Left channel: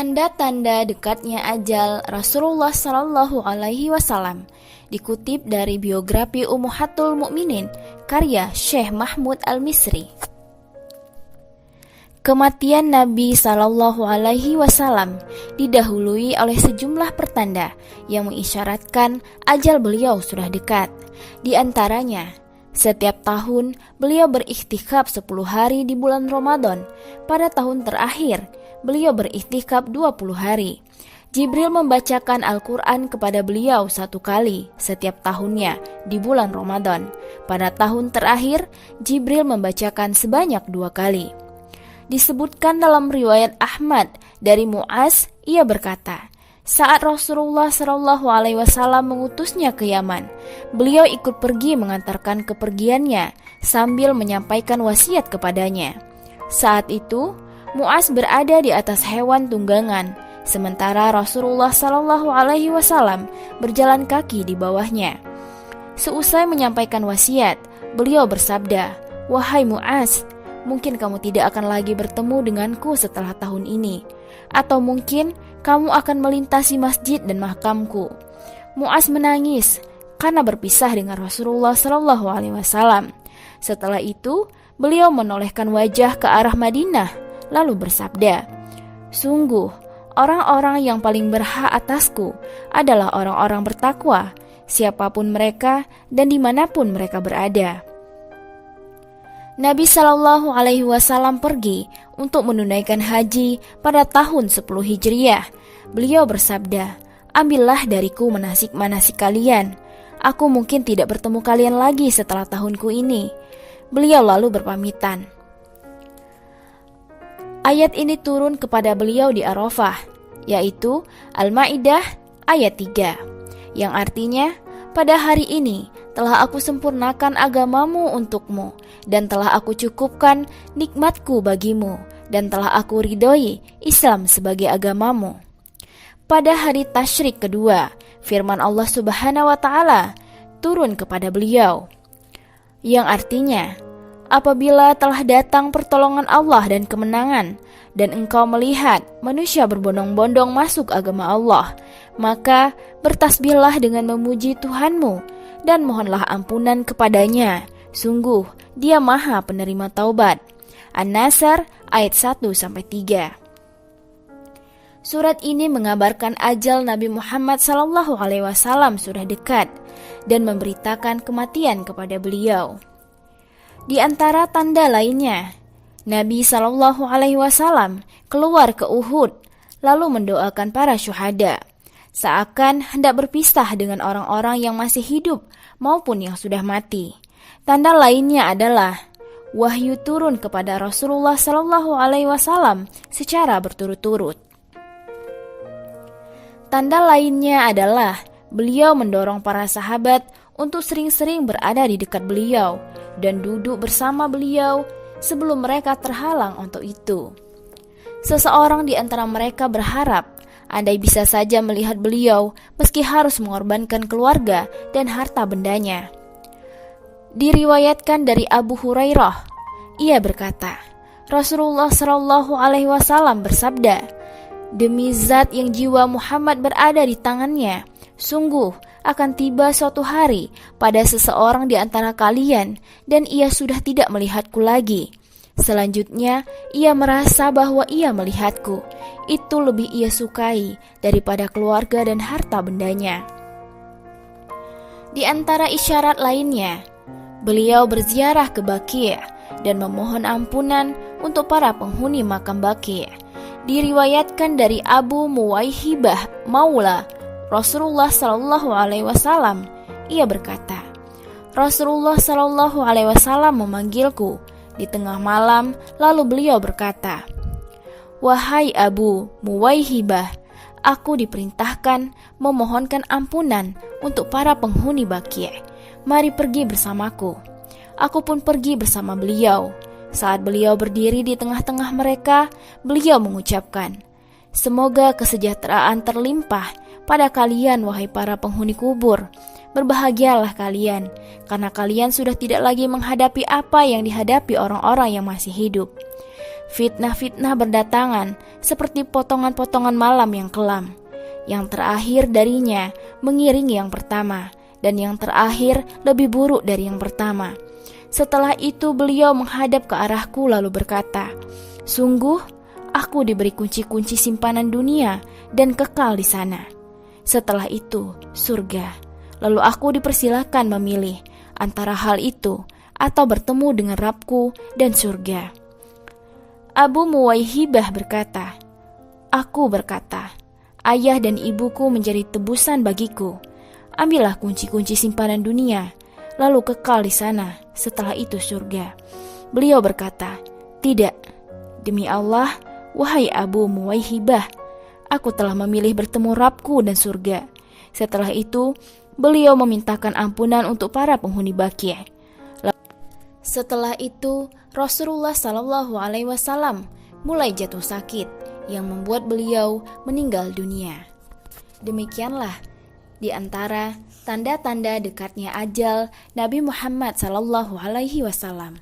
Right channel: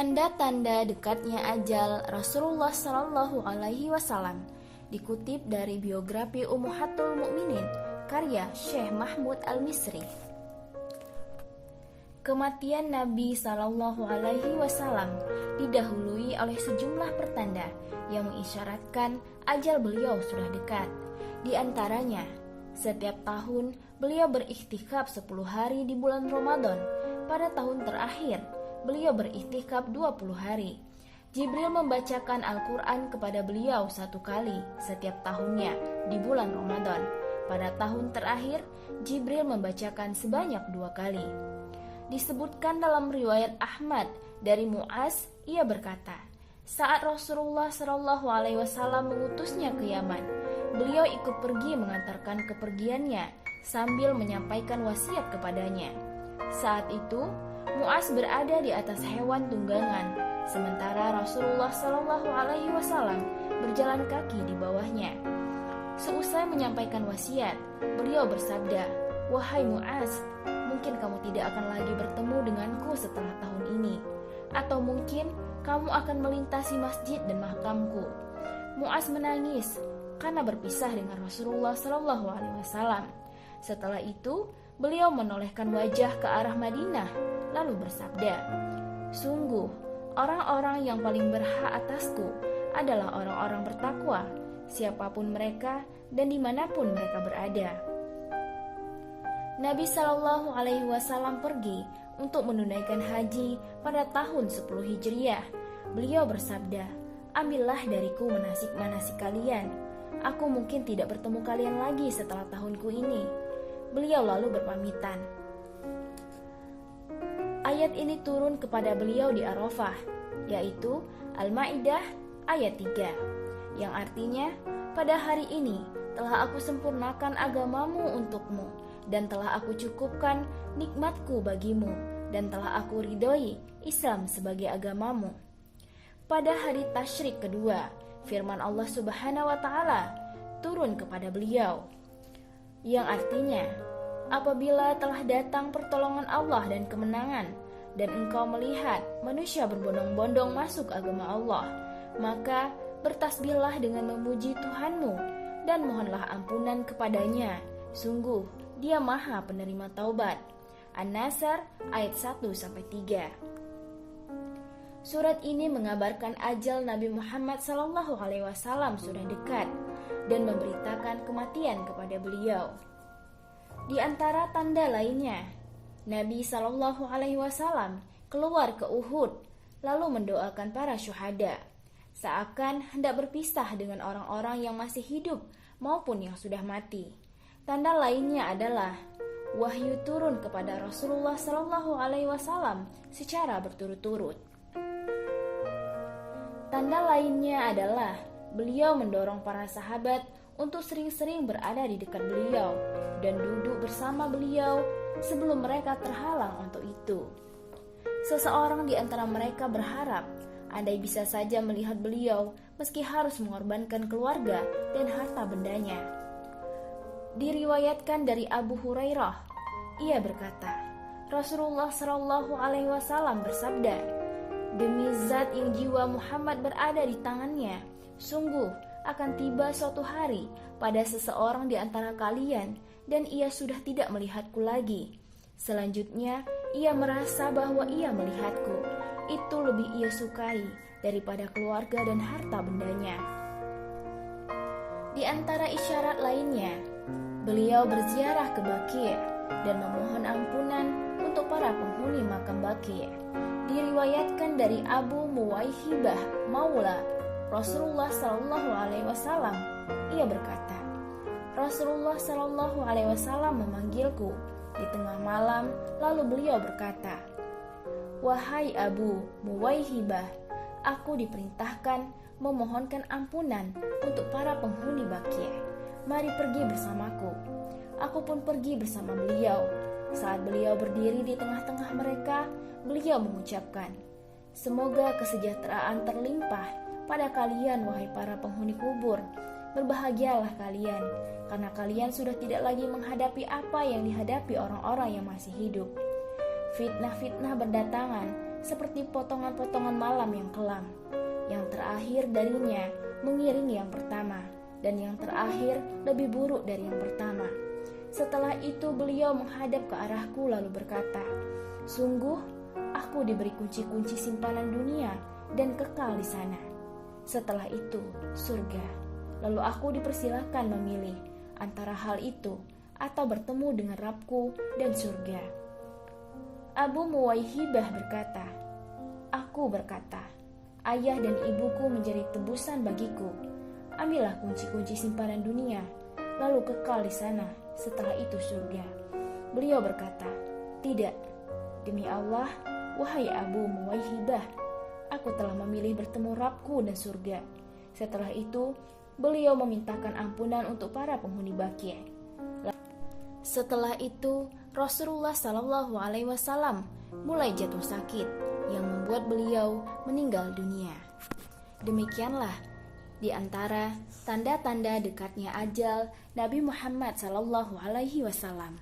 Tanda-tanda dekatnya ajal Rasulullah Shallallahu Alaihi Wasallam dikutip dari biografi Ummahatul Mukminin karya Syekh Mahmud Al-Misri. Kematian Nabi Shallallahu Alaihi Wasallam didahului oleh sejumlah pertanda yang mengisyaratkan ajal beliau sudah dekat. Di antaranya, setiap tahun beliau beriktikaf 10 hari di bulan Ramadan. Pada tahun terakhir, beliau beriktikaf 20 hari. Jibril membacakan Al-Quran kepada beliau 1 kali setiap tahunnya di bulan Ramadan. Pada tahun terakhir, Jibril membacakan sebanyak 2 kali. Disebutkan dalam riwayat Ahmad dari Mu'az, ia berkata, saat Rasulullah SAW mengutusnya ke Yaman, beliau ikut pergi mengantarkan kepergiannya sambil menyampaikan wasiat kepadanya. Saat itu, Mu'az berada di atas hewan tunggangan, sementara Rasulullah SAW berjalan kaki di bawahnya. Seusai menyampaikan wasiat, beliau bersabda, "Wahai Mu'az, mungkin kamu tidak akan lagi bertemu denganku setelah tahun ini, atau mungkin kamu akan melintasi masjid dan makamku." Mu'az menangis karena berpisah dengan Rasulullah SAW. Setelah itu, beliau menolehkan wajah ke arah Madinah, lalu bersabda, "Sungguh, orang-orang yang paling berhak atasku adalah orang-orang bertakwa, siapapun mereka dan dimanapun mereka berada." Nabi Shallallahu Alaihi Wasallam pergi untuk menunaikan haji pada tahun 10 Hijriah. Beliau bersabda, "Ambillah dariku manasik-manasik kalian. Aku mungkin tidak bertemu kalian lagi setelah tahunku ini." Beliau lalu berpamitan. Ayat ini turun kepada beliau di Arafah, yaitu Al-Maidah ayat 3, yang artinya, "Pada hari ini telah aku sempurnakan agamamu untukmu, dan telah aku cukupkan nikmatku bagimu, dan telah aku ridhoi Islam sebagai agamamu." Pada hari tasyrik kedua, firman Allah Subhanahu wa Ta'ala turun kepada beliau, yang artinya, "Apabila telah datang pertolongan Allah dan kemenangan, dan engkau melihat manusia berbondong-bondong masuk agama Allah, maka bertasbihlah dengan memuji Tuhanmu dan mohonlah ampunan kepadanya. Sungguh, Dia Maha Penerima Taubat." An-Nasr ayat 1-3. Surat ini mengabarkan ajal Nabi Muhammad SAW sudah dekat dan memberitakan kematian kepada beliau. Di antara tanda lainnya, Nabi SAW keluar ke Uhud lalu mendoakan para syuhada, seakan hendak berpisah dengan orang-orang yang masih hidup maupun yang sudah mati. Tanda lainnya adalah wahyu turun kepada Rasulullah SAW secara berturut-turut. Tanda lainnya adalah beliau mendorong para sahabat untuk sering-sering berada di dekat beliau dan duduk bersama beliau sebelum mereka terhalang untuk itu. Seseorang di antara mereka berharap andai bisa saja melihat beliau meski harus mengorbankan keluarga dan harta bendanya. Diriwayatkan dari Abu Hurairah, ia berkata, Rasulullah SAW bersabda, "Demi zat yang jiwa Muhammad berada di tangannya, sungguh akan tiba suatu hari pada seseorang di antara kalian dan ia sudah tidak melihatku lagi. Selanjutnya ia merasa bahwa ia melihatku. Itu lebih ia sukai daripada keluarga dan harta bendanya." Di antara isyarat lainnya, beliau berziarah ke Baqi' dan memohon ampunan untuk para penghuni makam Baqi'. Diriwayatkan dari Abu Muwaihibah Maula Rasulullah SAW, ia berkata, Rasulullah SAW memanggilku di tengah malam, lalu beliau berkata, "Wahai Abu Muwaihibah, aku diperintahkan memohonkan ampunan untuk para penghuni Baqi'. Mari pergi bersamaku." Aku pun pergi bersama beliau. Saat beliau berdiri di tengah-tengah mereka, beliau mengucapkan, "Semoga kesejahteraan terlimpah pada kalian, wahai para penghuni kubur. Berbahagialah kalian, karena kalian sudah tidak lagi menghadapi apa yang dihadapi orang-orang yang masih hidup." Fitnah-fitnah berdatangan seperti potongan-potongan malam yang kelam. Yang terakhir darinya mengiringi yang pertama, dan yang terakhir lebih buruk dari yang pertama. Setelah itu beliau menghadap ke arahku lalu berkata, "Sungguh, aku diberi kunci-kunci simpanan dunia dan kekal di sana. Setelah itu, surga. Lalu aku dipersilakan memilih antara hal itu atau bertemu dengan Rabbku dan surga." Abu Muwaihibah berkata, "Aku berkata, ayah dan ibuku menjadi tebusan bagiku. Ambillah kunci-kunci simpanan dunia, lalu kekal di sana, setelah itu surga." Beliau berkata, "Tidak, demi Allah, wahai Abu Muwaihibah, aku telah memilih bertemu Rabbku dan surga." Setelah itu, beliau memintakan ampunan untuk para penghuni Baqi'. Setelah itu, Rasulullah SAW mulai jatuh sakit yang membuat beliau meninggal dunia. Demikianlah di antara tanda-tanda dekatnya ajal Nabi Muhammad SAW.